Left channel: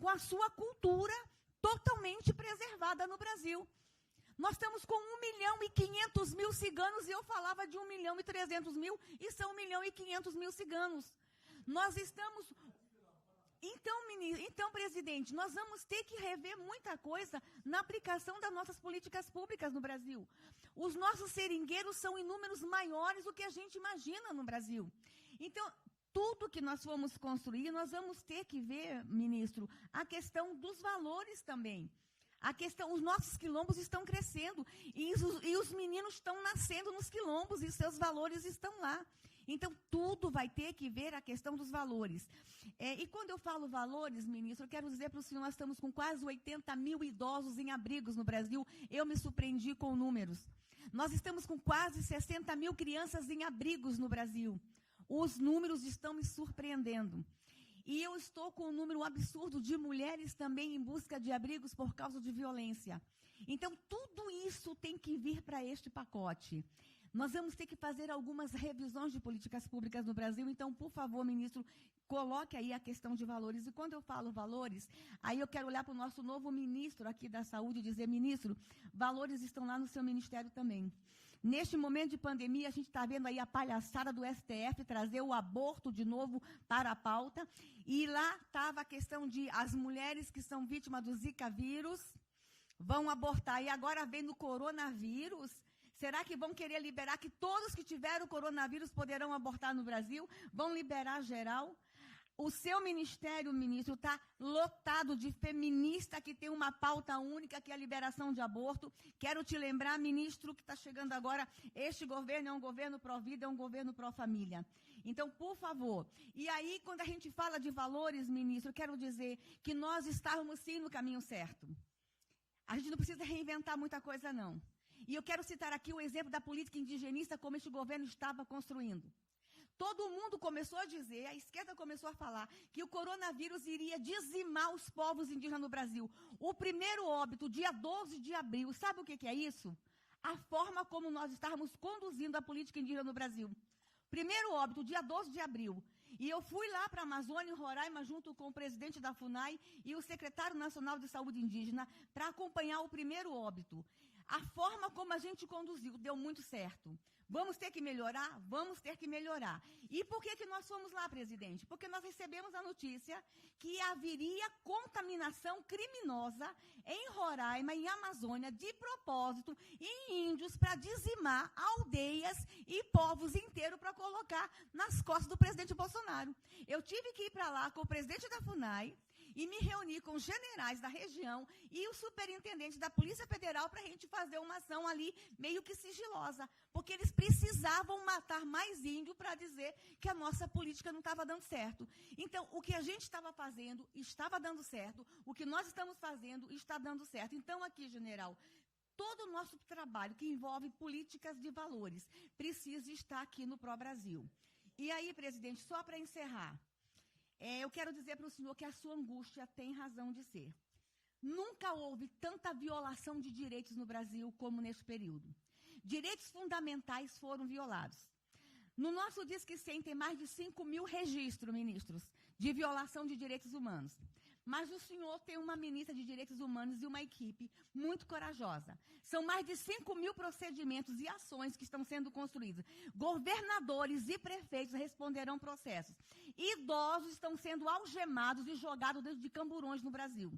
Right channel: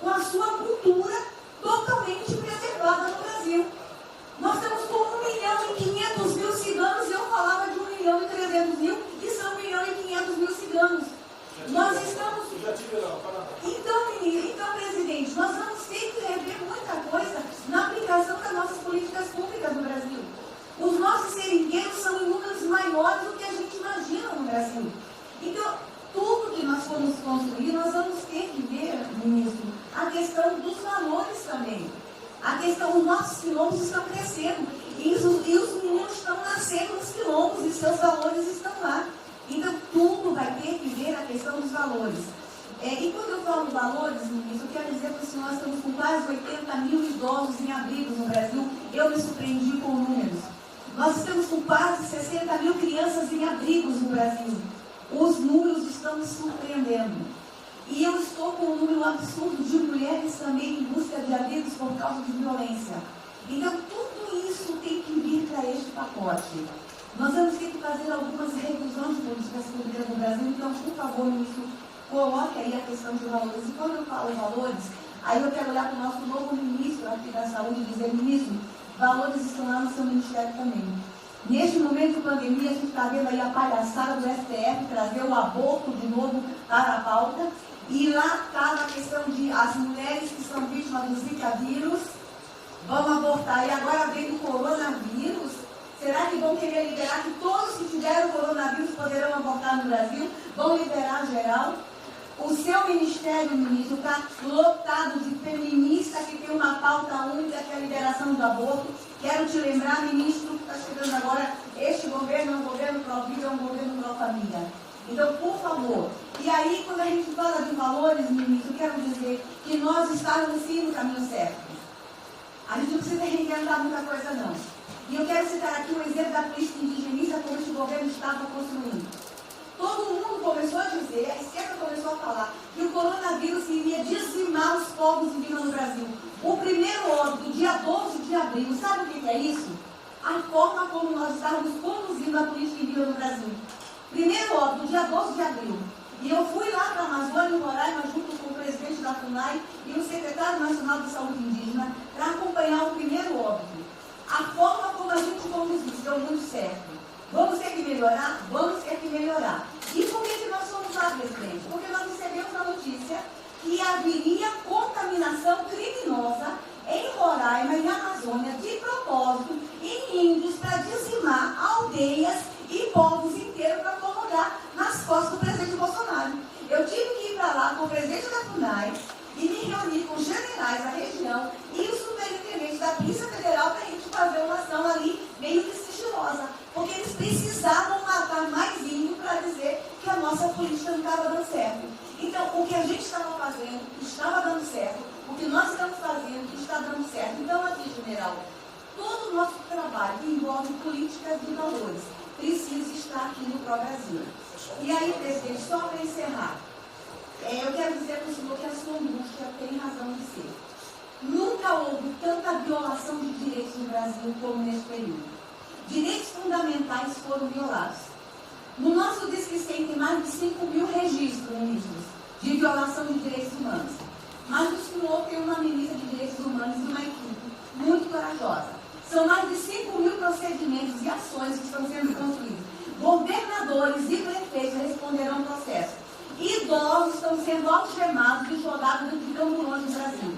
com a sua cultura totalmente preservada no Brasil. Nós estamos com 1.500.000 ciganos, e eu falava de 1.300.000, e são 1.500.000 ciganos. Nós estamos... Então, presidente, nós vamos ter que rever muita coisa na aplicação das nossas políticas públicas no Brasil. Os nossos seringueiros são em números maiores do que a gente imagina no Brasil. Então, tudo que nós formos construir, nós vamos ter que ver, ministro, a questão dos valores também. A questão, os nossos quilombos estão crescendo, e os meninos estão nascendo nos quilombos, e seus valores estão lá. Então, tudo vai ter que ver a questão dos valores. E quando eu falo valores, ministro, eu quero dizer para o senhor, nós estamos com quase 80.000 idosos em abrigos no Brasil. Eu me surpreendi com números. Nós estamos com quase 60.000 crianças em abrigos no Brasil. Os números estão me surpreendendo. E eu estou com um número absurdo de mulheres também em busca de abrigos por causa de violência. Então, tudo isso tem que vir para este pacote. Nós vamos ter que fazer algumas revisões de políticas públicas no Brasil. Então, por favor, ministro, coloque aí a questão de valores. E quando eu falo valores, aí eu quero olhar para o nosso novo ministro aqui da Saúde e dizer, ministro, valores estão lá no seu ministério também. Neste momento de pandemia, a gente está vendo aí a palhaçada do STF trazer o aborto de novo para a pauta. E lá está a questão de as mulheres que são vítimas do Zika vírus vão abortar. E agora vem do coronavírus. Será que vão querer liberar que todos que tiveram coronavírus poderão abortar no Brasil? Vão liberar geral? O seu ministério, ministro, está lotado de feminista que tem uma pauta única, que é a liberação do aborto. Quero te lembrar, ministro, que está chegando agora, este governo é um governo pró-vida, é um governo pró-família. Então, por favor. E aí, quando a gente fala de valores, ministro, quero dizer que nós estamos sim no caminho certo. A gente não precisa reinventar muita coisa, não. E eu quero citar aqui um exemplo da política indigenista como este governo estava construindo. Todo mundo começou a dizer, a esquerda começou a falar, que o coronavírus iria dizimar os povos indígenas no Brasil. O primeiro óbito, dia 12 de abril, sabe o que é isso? A forma como nós estávamos conduzindo a política indígena no Brasil. Primeiro óbito, dia 12 de abril. E eu fui lá para a Amazônia, em Roraima, junto com o presidente da FUNAI e o secretário nacional de saúde indígena, para acompanhar o primeiro óbito. A forma como a gente conduziu deu muito certo. Vamos ter que melhorar? Vamos ter que melhorar. E por que nós fomos lá, presidente? Porque nós recebemos a notícia que haveria contaminação criminosa em Roraima e Amazônia, de propósito, em índios, para dizimar aldeias e povos inteiros para colocar nas costas do presidente Bolsonaro. Eu tive que ir para lá com o presidente da FUNAI e me reunir com os generais da região e os superintendentes da Polícia Federal para a gente fazer uma ação ali meio que sigilosa, porque eles precisavam matar mais índio para dizer que a nossa política não estava dando certo. Então, o que a gente estava fazendo estava dando certo, o que nós estamos fazendo está dando certo. Então, aqui, general, todo o nosso trabalho que envolve políticas de valores precisa estar aqui no Pró-Brasil. E aí, presidente, só para encerrar, eu quero dizer para o senhor que a sua angústia tem razão de ser. Nunca houve tanta violação de direitos no Brasil como neste período. Direitos fundamentais foram violados. No nosso Disque 100 tem mais de 5.000 registros, ministros, de violação de direitos humanos. Mas o senhor tem uma ministra de direitos humanos e uma equipe muito corajosa. São mais de 5.000 procedimentos e ações que estão sendo construídos. Governadores e prefeitos responderão ao processo. Idosos estão sendo algemados e jogados dentro de camburões no Brasil.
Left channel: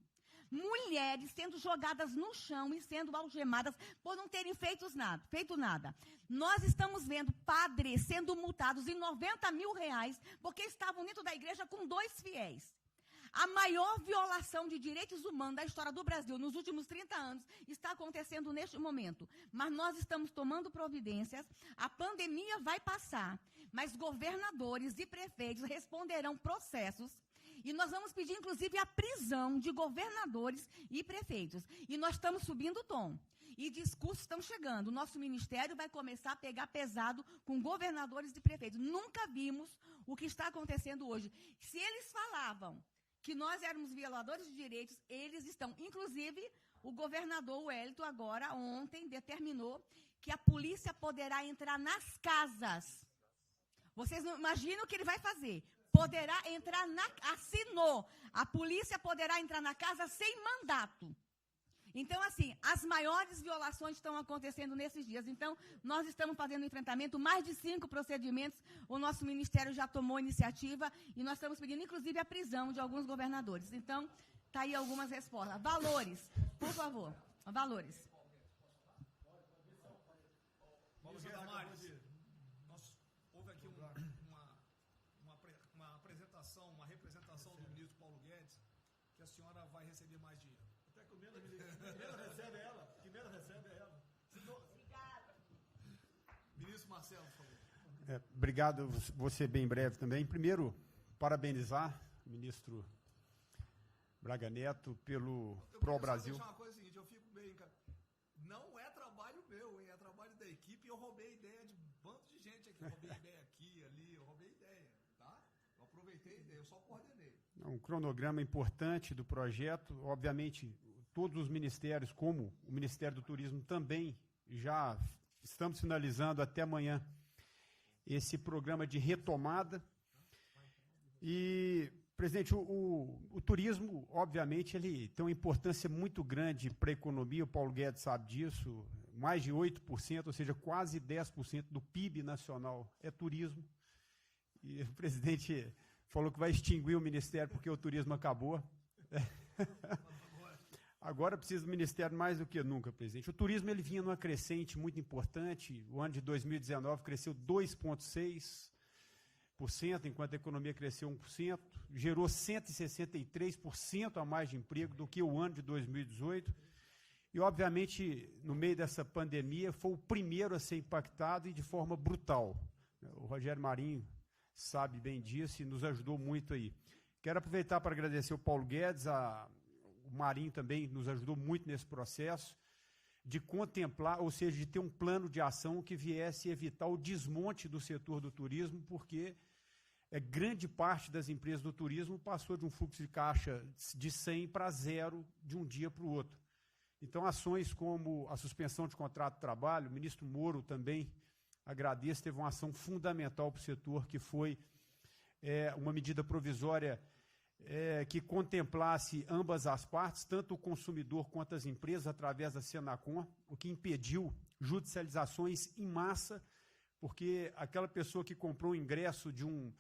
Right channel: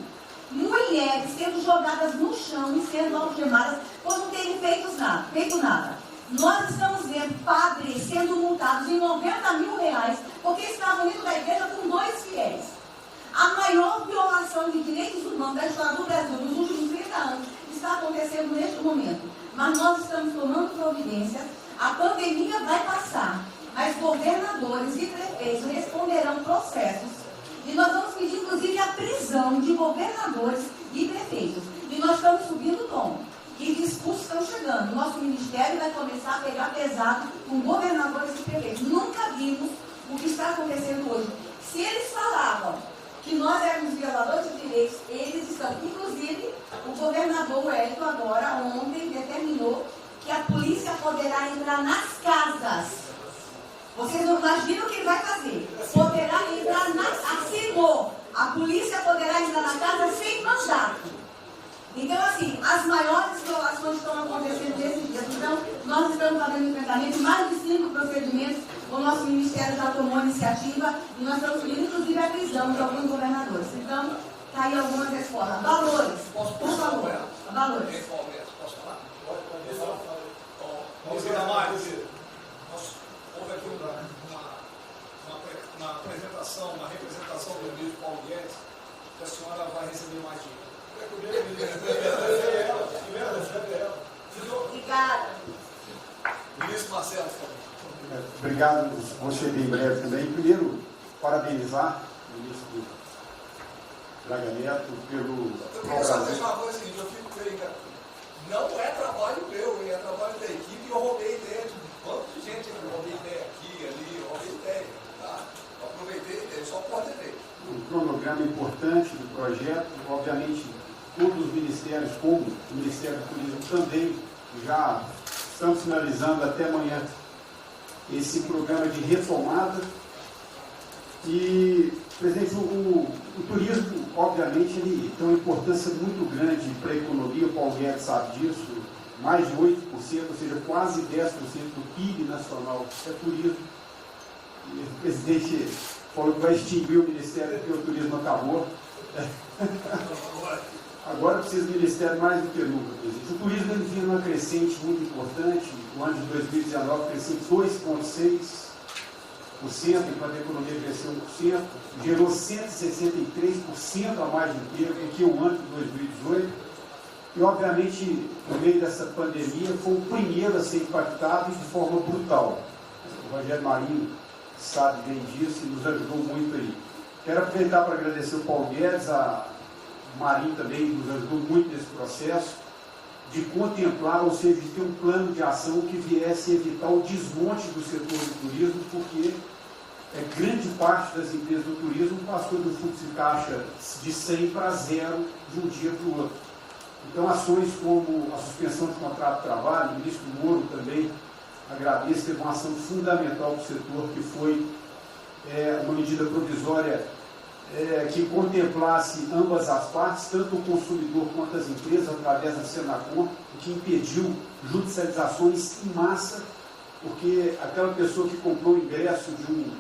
Mulheres sendo jogadas no chão e sendo algemadas por não terem feito nada. Nós estamos vendo padres sendo multados em R$90.000 porque estavam dentro da igreja com 2 fiéis. A maior violação de direitos humanos da história do Brasil nos últimos 30 anos está acontecendo neste momento. Mas nós estamos tomando providências, a pandemia vai passar, mas governadores e prefeitos responderão processos. E nós vamos pedir, inclusive, a prisão de governadores e prefeitos. E nós estamos subindo o tom. E discursos estão chegando. Nosso ministério vai começar a pegar pesado com governadores e prefeitos. Nunca vimos o que está acontecendo hoje. Se eles falavam que nós éramos violadores de direitos, eles estão. Inclusive, o governador Wellington agora, ontem, determinou que a polícia poderá entrar nas casas. Vocês não imaginam o que ele vai fazer. Poderá entrar nas... Assinou. A polícia poderá procedimentos, o nosso Ministério já tomou a iniciativa e nós estamos subindo, inclusive, a prisão de alguns governadores. Então, está aí algumas respostas. Valores. Por favor. Valores. Posso falar? Vamos ver mais. Houve aqui uma apresentação, uma representação do ministro Paulo Guedes, que a senhora vai receber mais dinheiro. Obrigada. Ministro Marcelo, obrigado, vou ser bem breve também. Primeiro, parabenizar o ministro Braga Neto pelo... Eu queria só dizer uma coisa seguinte, eu fico bem, cara. Não é trabalho meu, é trabalho da equipe e eu roubei ideia de um monte de gente. Eu roubei ideia aqui, ali, eu roubei ideia, tá? Eu aproveitei a ideia, só coordenei. Um cronograma importante do projeto, obviamente, todos os ministérios, como o Ministério do Turismo também, já estamos finalizando até amanhã esse programa de retomada. E, presidente, o turismo, obviamente, ele tem uma importância muito grande para a economia, o Paulo Guedes sabe disso, mais de 8%, ou seja, quase 10% do PIB nacional é turismo. E o presidente falou que vai extinguir o Ministério porque o turismo acabou. Agora precisa do Ministério mais do que nunca, presidente. O turismo ele vinha numa crescente muito importante. O ano de 2019 cresceu 2,6%, enquanto a economia cresceu 1%, gerou 163% a mais de emprego do que o ano de 2018. E, obviamente, no meio dessa pandemia, foi o primeiro a ser impactado de forma brutal. O Rogério Marinho sabe bem disso e nos ajudou muito aí. Quero aproveitar para agradecer o Paulo Guedes, a Marinho também nos ajudou muito nesse processo, de contemplar, ou seja, de ter um plano de ação que viesse evitar o desmonte do setor do turismo, porque grande parte das empresas do turismo passou do fluxo de caixa de 100 para 0 de um dia para o outro. Então, ações como a suspensão de contrato de trabalho, o ministro Moro também agradeço, teve uma ação fundamental para o setor, que foi uma medida provisória que contemplasse ambas as partes, tanto o consumidor quanto as empresas, através da Senacom, que impediu judicializações em massa, porque aquela pessoa que comprou o ingresso de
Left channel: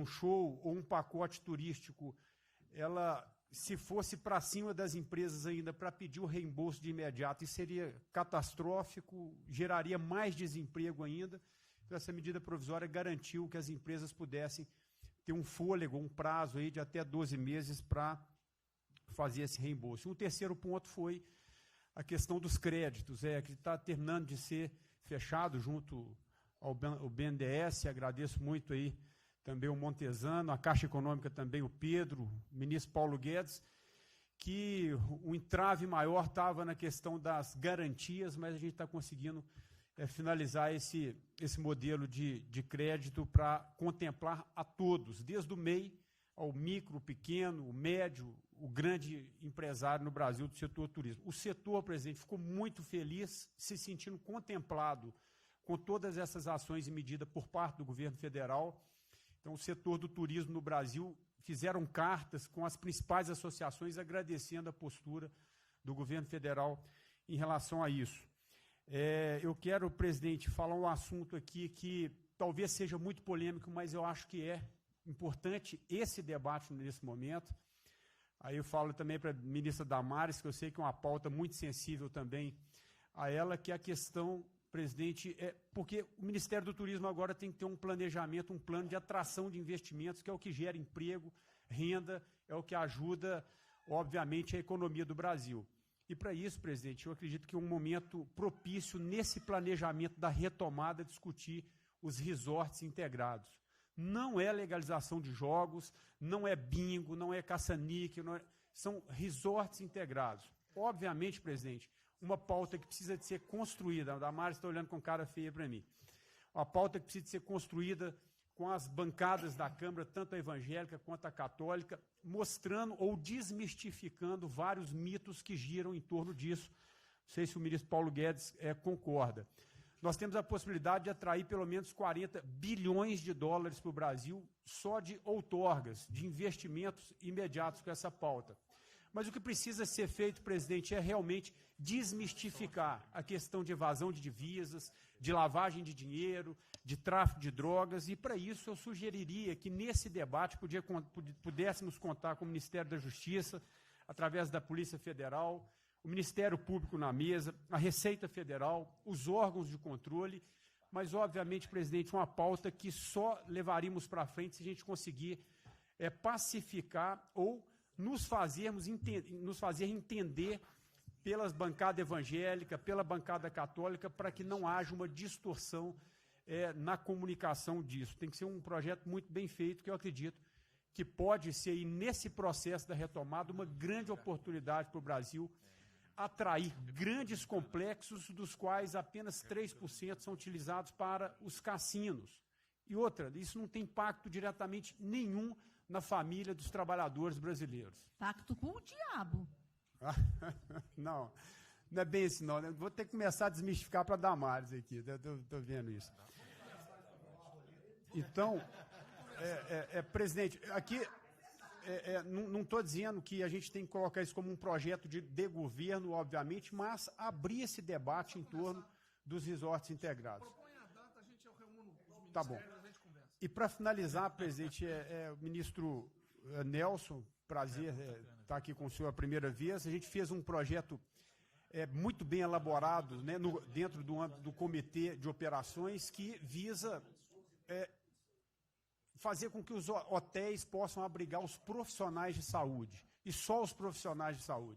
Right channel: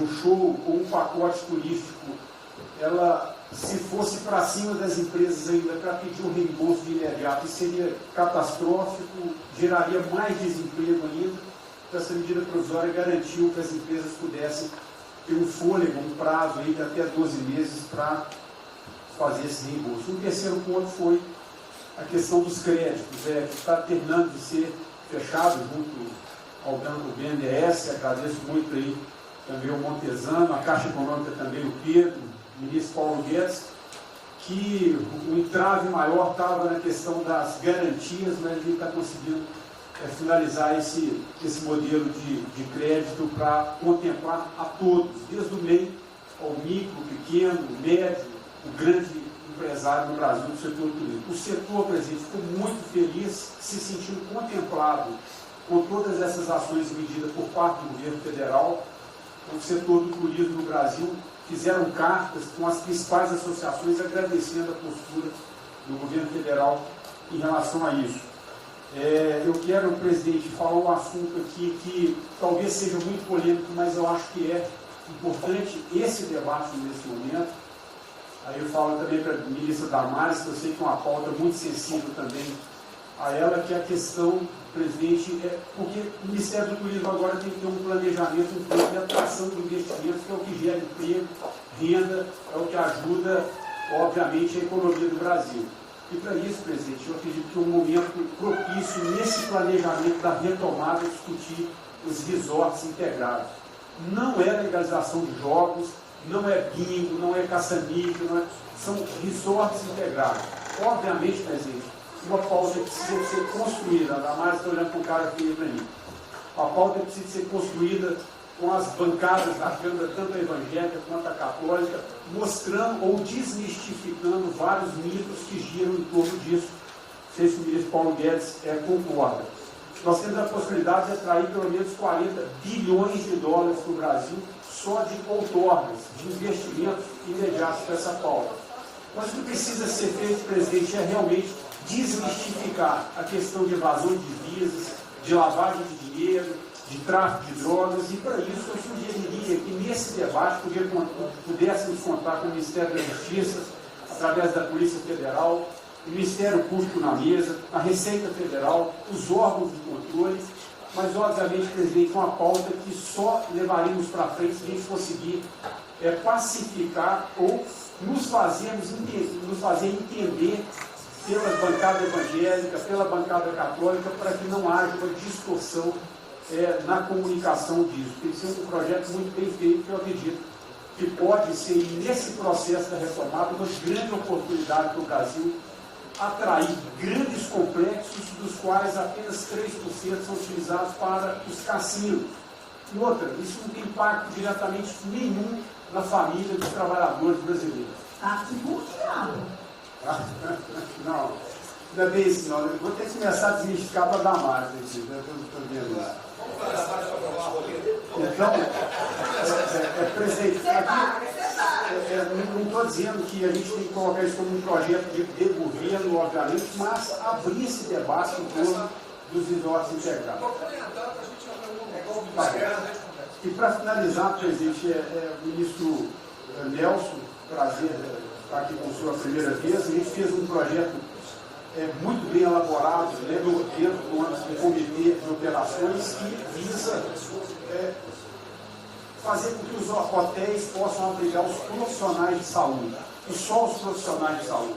um show ou um pacote turístico, ela, se fosse para cima das empresas ainda para pedir um reembolso de imediato, isso seria catastrófico, geraria mais desemprego ainda. Então, essa medida provisória garantiu que as empresas pudessem ter um fôlego, um prazo aí de até 12 meses para fazer esse reembolso. Um terceiro ponto foi a questão dos créditos, que está terminando de ser fechado junto ao BNDES. Agradeço muito aí também o Montesano, a Caixa Econômica também, o Pedro, o ministro Paulo Guedes, que o entrave maior estava na questão das garantias, mas a gente está conseguindo finalizar esse modelo de crédito para contemplar a todos, desde o MEI ao micro, pequeno, médio, o grande empresário do Brasil do setor turístico. O setor, presidente, ficou muito feliz, se sentindo contemplado com todas essas ações e medidas por parte do governo federal. O setor do turismo no Brasil fizeram cartas com as principais associações agradecendo a postura do governo federal em relação a isso. Eu quero, presidente, falar um assunto aqui que talvez seja muito polêmico, mas eu acho que é importante esse debate nesse momento. Aí eu falo também para a ministra Damares, que eu sei que é uma pauta muito sensível também a ela, que é a questão, presidente, porque o Ministério do Turismo agora tem que ter um planejamento, um plano de atração de investimentos, que é o que gera emprego, renda, é o que ajuda, obviamente, a economia do Brasil. E para isso, presidente, eu acredito que é um momento propício nesse planejamento da retomada discutir os resorts integrados. Não é legalização de jogos, não é bingo, não é caça-níquel, são resorts integrados. Obviamente, presidente, uma pauta precisa ser construída, ainda mais estou olhando para o cara aqui para mim. A pauta precisa ser construída com as bancadas da Câmara, tanto a evangélica quanto a católica, mostrando ou desmistificando vários mitos que giram em torno disso. Não sei se o ministro Paulo Guedes concorda. Nós temos a possibilidade de atrair pelo menos 40 bilhões de dólares para o Brasil só de outorgas, de investimentos imediatos para essa pauta. Mas o que precisa ser feito, presidente, é realmente desmistificar a questão de evasão de divisas, de lavagem de dinheiro, de tráfico de drogas, e para isso eu sugeriria que nesse debate pudéssemos contar com o Ministério da Justiça, através da Polícia Federal, o Ministério Público na mesa, a Receita Federal, os órgãos de controle, mas obviamente, presidente, uma pauta que só levaremos para frente se a gente conseguir pacificar ou nos fazer entender pela bancada evangélica, pela bancada católica, para que não haja uma distorção na comunicação disso. Tem que ser um projeto muito bem feito, que eu acredito que pode ser, nesse processo da retomada, uma grande oportunidade para o Brasil atrair grandes complexos, dos quais apenas 3% são utilizados para os cassinos. E outra, isso não tem impacto diretamente nenhum na família dos trabalhadores brasileiros. Está divorciado. Não, ainda bem isso não. Eu vou ter que começar a desmistificar para dar mais aqui. Estou vendo isso. Então, presidente, não estou dizendo que a gente tem que colocar isso como um projeto de governo, obviamente, mas abrir esse debate em torno dos resorts integrados. E para finalizar, presidente, o ministro Nelson, prazer estar aqui com a sua primeira vez. A gente fez um projeto muito bem elaborado, né, dentro do comitê de operações, que visa fazer com que os hotéis possam abrigar os profissionais de saúde, e só os profissionais de saúde.